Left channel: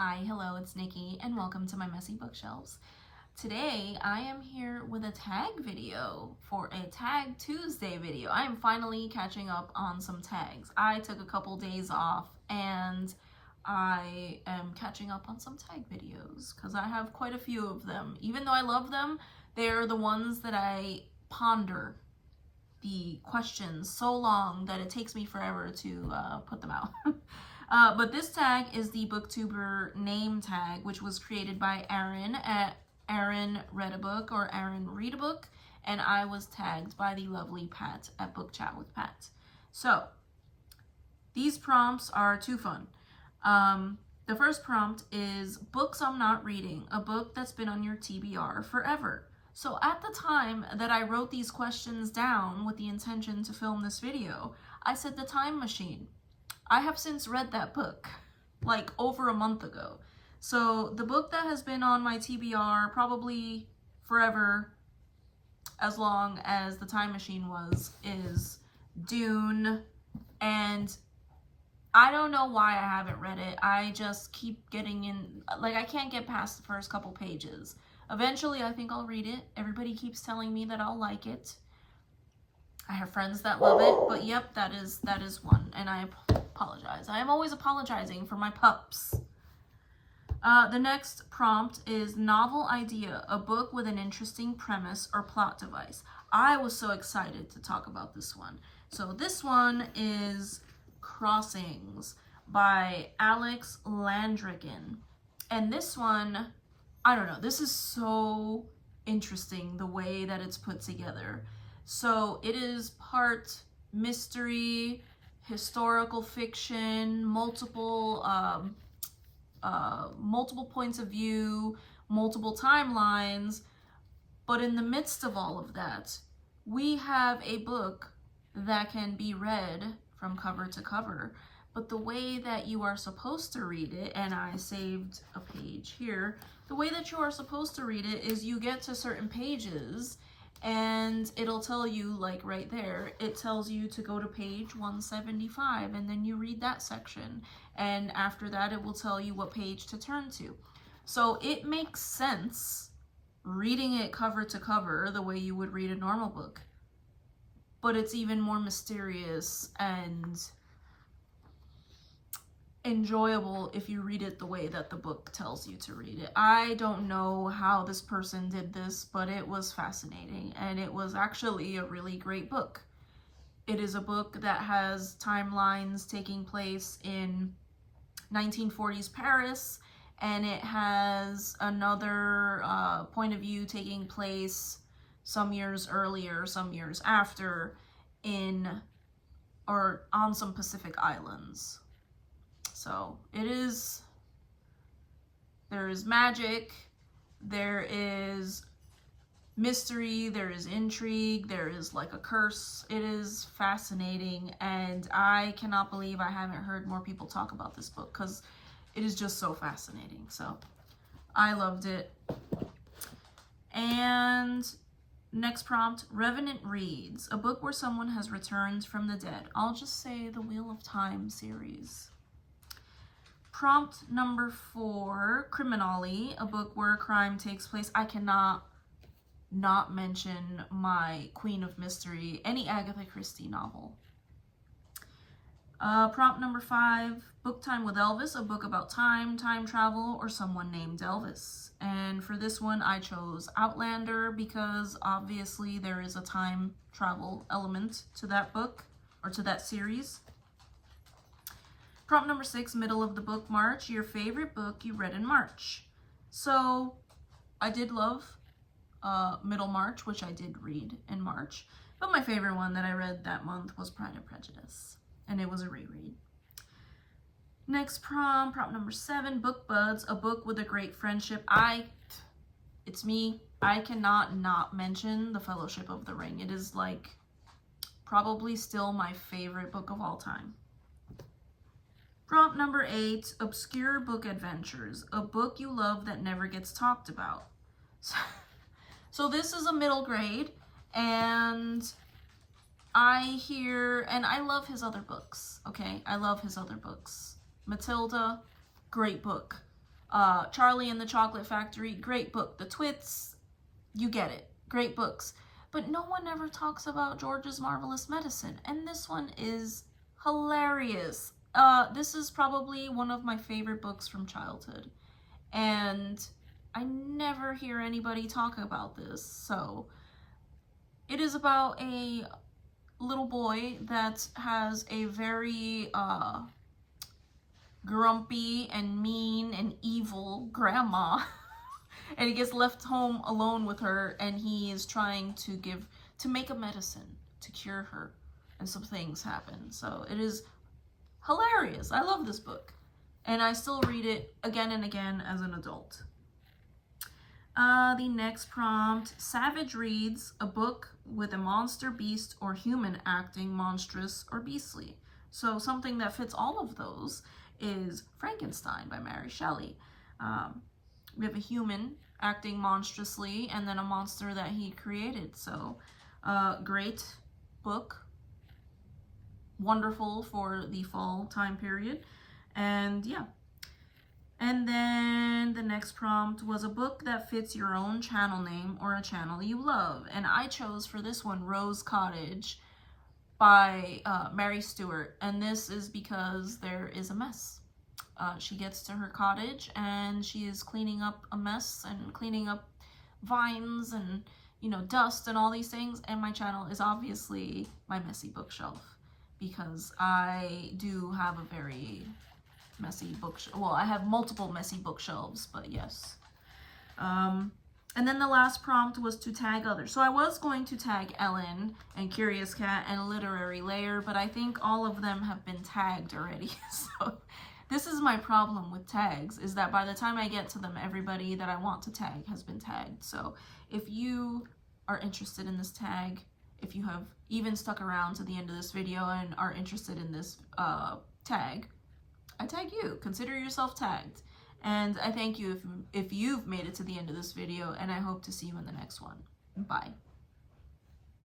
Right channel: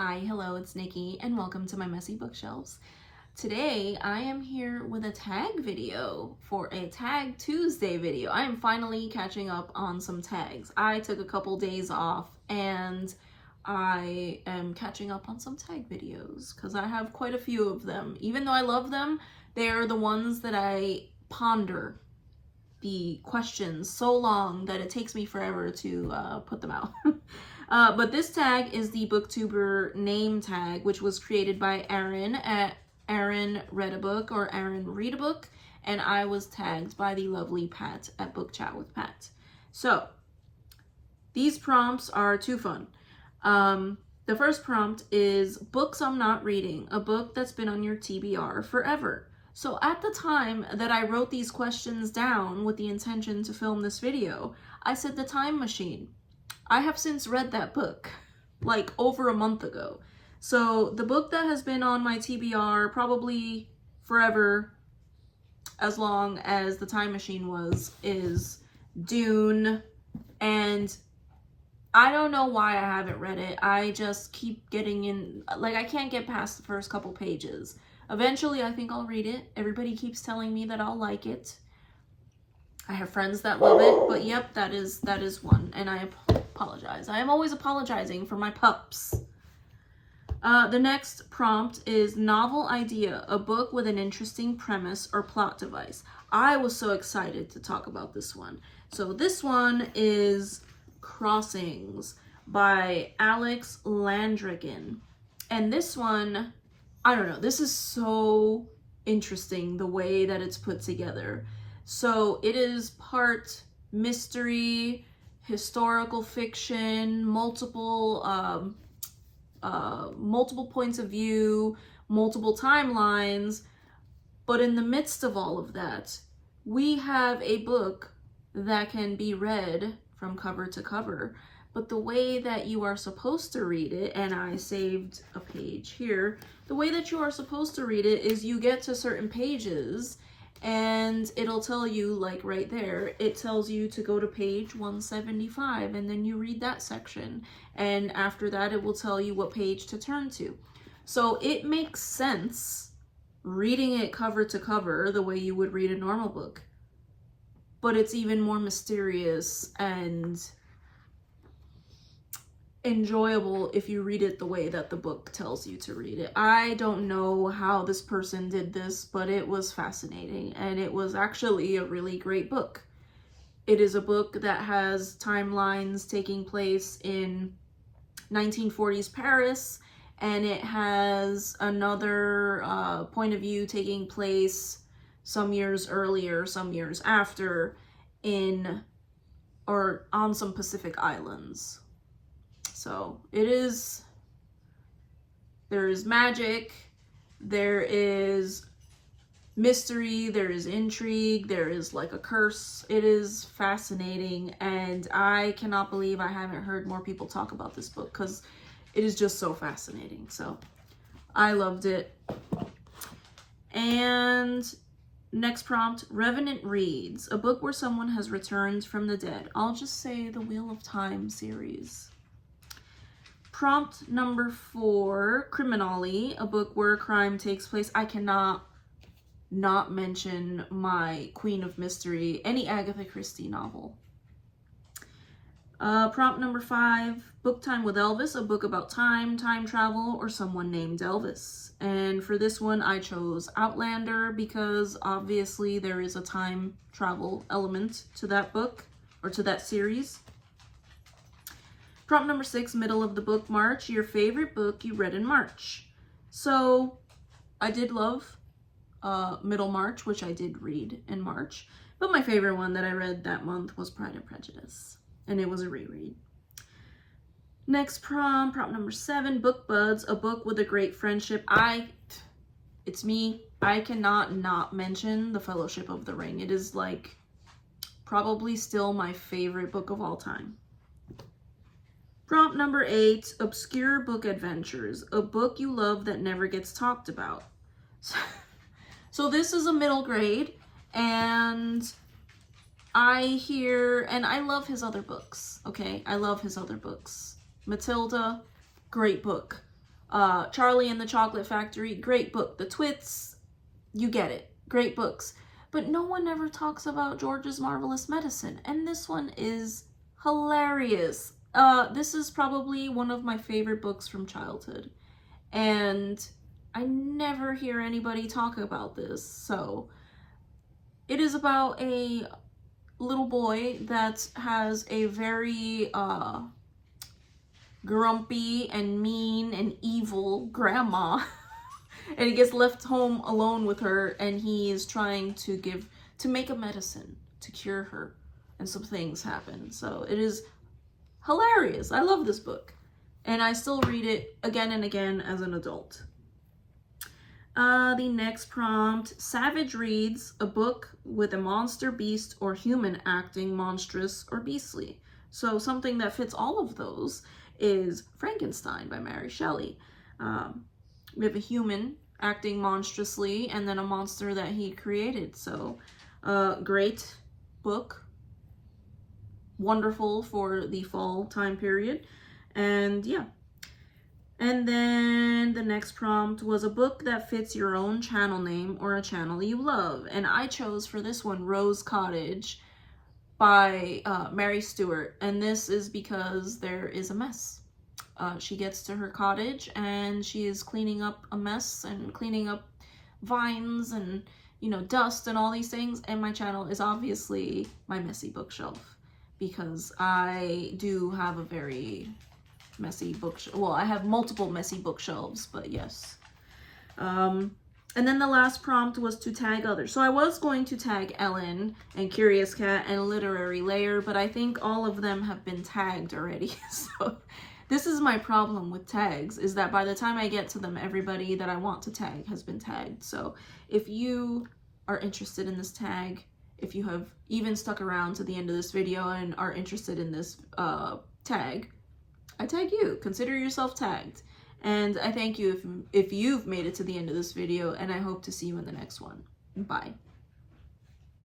Hi, hello, it's Nikki, and welcome to my messy bookshelves. Today, I am here with a tag video for a Tag Tuesday video. I am finally catching up on some tags. I took a couple days off, and I am catching up on some tag videos, because I have quite a few of them. Even though I love them, they are the ones that I ponder the questions so long that it takes me forever to put them out. But this tag is the Booktuber name tag, which was created by Aaron at Aaron Read a Book or Aaron Read a Book, and I was tagged by the lovely Pat at Book Chat with Pat. So these prompts are too fun. The first prompt is books I'm not reading, a book that's been on your TBR forever. So at the time that I wrote these questions down with the intention to film this video, I said The Time Machine. I have since read that book, like over a month ago. So the book that has been on my TBR probably forever, as long as The Time Machine was, is Dune. And I don't know why I haven't read it. I just keep getting in, like I can't get past the first couple pages. Eventually, I think I'll read it. Everybody keeps telling me that I'll like it. I have friends that love it, but yep, that is one, and I apologize. I am always apologizing for my pups. The next prompt is novel idea, a book with an interesting premise or plot device. I was so excited to talk about this one. So this one is Crossings by Alex Landrigan. And this one, I don't know, this is so interesting the way that it's put together. So it is part mystery, historical fiction, multiple points of view, multiple timelines. But in the midst of all of that, we have a book that can be read from cover to cover. But the way that you are supposed to read it, and I saved a page here, the way that you are supposed to read it is you get to certain pages and it'll tell you, like right there, it tells you to go to page 175 and then you read that section. And after that, it will tell you what page to turn to. So it makes sense reading it cover to cover the way you would read a normal book. But it's even more mysterious and enjoyable if you read it the way that the book tells you to read it. I don't know how this person did this, but it was fascinating, and it was actually a really great book. It is a book that has timelines taking place in 1940s Paris, and it has another point of view taking place some years earlier, some years after, in or on some Pacific islands. So there is magic, there is mystery, there is intrigue, there is like a curse. It is fascinating, and I cannot believe I haven't heard more people talk about this book because it is just so fascinating. So I loved it. And next prompt, Revenant Reads, a book where someone has returned from the dead. I'll just say the Wheel of Time series. Prompt number 4, Criminally, a book where crime takes place. I cannot not mention my Queen of Mystery, any Agatha Christie novel. Prompt number 5, Book Time with Elvis, a book about time travel, or someone named Elvis. And for this one, I chose Outlander because obviously there is a time travel element to that book, or to that series. Prompt number 6, middle of the book, March, your favorite book you read in March. So I did love Middlemarch, which I did read in March, but my favorite one that I read that month was Pride and Prejudice, and it was a reread. Next prompt number 7, Book Buds, a book with a great friendship. It's me. I cannot not mention The Fellowship of the Ring. It is like probably still my favorite book of all time. Prompt number 8, Obscure Book Adventures, a book you love that never gets talked about. So this is a middle grade, and I love his other books, okay? I love his other books. Matilda, great book. Charlie and the Chocolate Factory, great book. The Twits, you get it, great books. But no one ever talks about George's Marvelous Medicine, and this one is hilarious. This is probably one of my favorite books from childhood, and I never hear anybody talk about this. So it is about a little boy that has a very grumpy and mean and evil grandma and he gets left home alone with her, and he is trying to make a medicine to cure her, and some things happen. So it is hilarious. I love this book, and I still read it again and again as an adult. The next prompt: Savage reads a book with a monster, beast, or human acting monstrous or beastly. So something that fits all of those is Frankenstein by Mary Shelley. We have a human acting monstrously, and then a monster that he created. So great book, wonderful for the fall time period. And yeah. And then the next prompt was a book that fits your own channel name or a channel you love. And I chose for this one Rose Cottage by Mary Stewart. And this is because there is a mess. She gets to her cottage and she is cleaning up a mess and cleaning up vines and, you know, dust and all these things. And my channel is obviously my messy bookshelf, because I do have a very messy bookshelf. Well, I have multiple messy bookshelves, but yes. And then the last prompt was to tag others. So I was going to tag Ellen and Curious Cat and Literary Layer, but I think all of them have been tagged already. So this is my problem with tags, is that by the time I get to them, everybody that I want to tag has been tagged. So if you are interested in this tag, if you have even stuck around to the end of this video and are interested in this tag, I tag you. Consider yourself tagged. And I thank you if you've made it to the end of this video, and I hope to see you in the next one. Bye.